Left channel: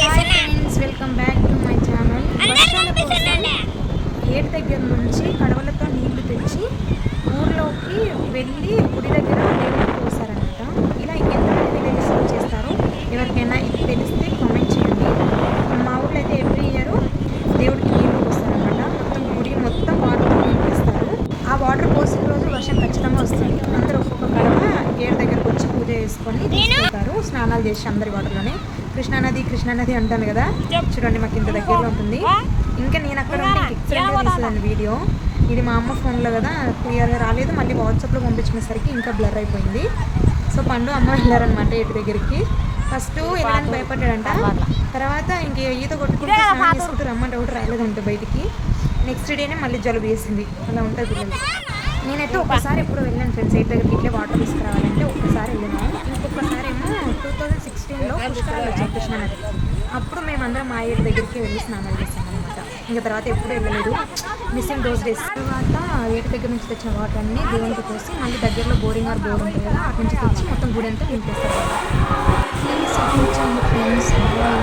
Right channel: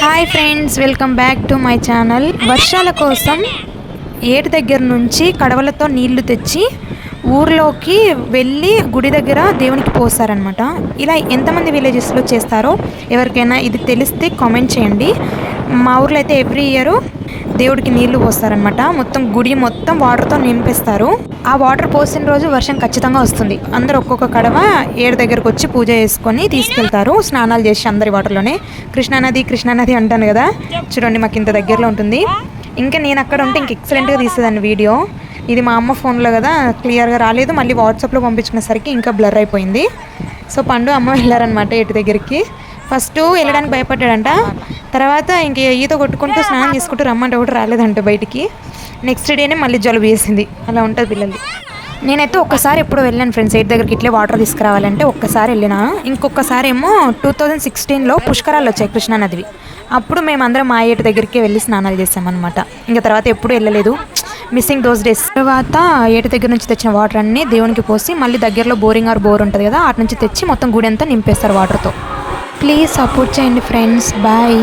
Hi friends welcome back to my channel వర్షాల కోసం ఏటి దగ్గర నుంచి కడవలతో నీళ్ళు తెచ్చి ఊర్లోకి వెళ్ళి గుడి దగ్గర దేవునికి పోస్తారనమాట ఇలా ఎంతమంది విలేజెస్లో చేస్తారో ఎవరికైనా ఇది తెలిస్తే కామెంట్ చేయండి. మా ఊర్లో అయితే ఎవ్రీ ఇయర్ దేవుడికి నీళ్ళు పోస్తారనమాట మొత్తం గుడి మొత్తం వాటర్తో నింపిస్తారు. ఆ వాటర్ పోసిన రోజు వర్షం ఖచ్చితంగా వస్తుంది. అందరూ ఒక్కొక్క కడవ ఏడు దగ్గరకు వచ్చి పూజ చేసుకొని తీసుకెళ్తారు. స్నానాలు చేసి అందరి వాటర్లోనే కృష్ణానది కృష్ణానది అంటాను కదా? చూడండి మాకు ఇంత దగ్గరలో ఉంటుంది. ఇంకా నేను అక్కడ ఉంటే ఇంక ఎక్సలెంట్గా తీసేదాన్ని వీడియో. ఇది మా అమ్మ ఫోన్లో కదా క్లియర్గా రాలేదు. మళ్ళీ వాట్సాప్లో పంపించుకునేసరికి ఇంకా బ్లర్ అయిపోయింది. సో పండు అమ్మ వెళ్ళారనమాట ఇటు దగ్గరికి. ఫస్ట్ వెళ్ళడానికి భయపడ్డాడంట. తర్వాత ఇంక ఈత కొట్టుకుంటూ స్నానం చేసుకుంటూ రమ్మంటే ఒకటి రాలేదంట బయటికి. నెక్స్ట్ డేనే మళ్ళీ జలుబు వేసింది అలా ఉంటుంది పిల్లలు. నేనైతే ఒక్కసారి ఎప్పుడు వెళ్ళాను ఫ్రెండ్స్. ఎయిట్ దగ్గరికి ఇట్లే వాటర్ తీసుకురావాలంటే ఒక్కసారి వెళ్ళిన. ఇంకొకసారి ఏమో టూ థౌజండ్ సిక్స్టీన్లో పుష్కరాలు వచ్చాయి కృష్ణానదివి. అప్పుడు మేమందరం మా ఏటి దగ్గరికి వెళ్ళి స్నానాలు చేసామన్నమాట. ఇంకా తర్వాత ఎప్పుడు వెళ్ళలేదు. Missing those days. తర్వాత ఏటి దగ్గర నుంచి తెచ్చిన వాటర్ అన్ని దేవునికి పోసి మళ్ళీ దగ్గరలో బోరింగ్ ఆర్ బోర్ ఉంటుంది కదా అటు నుంచి తెచ్చి మొత్తం గుడి అంతా నింపేస్తారు వాటర్తో. ప్లీజ్ సపోర్ట్ చేయండి ఫ్రెండ్స్. బాయ్.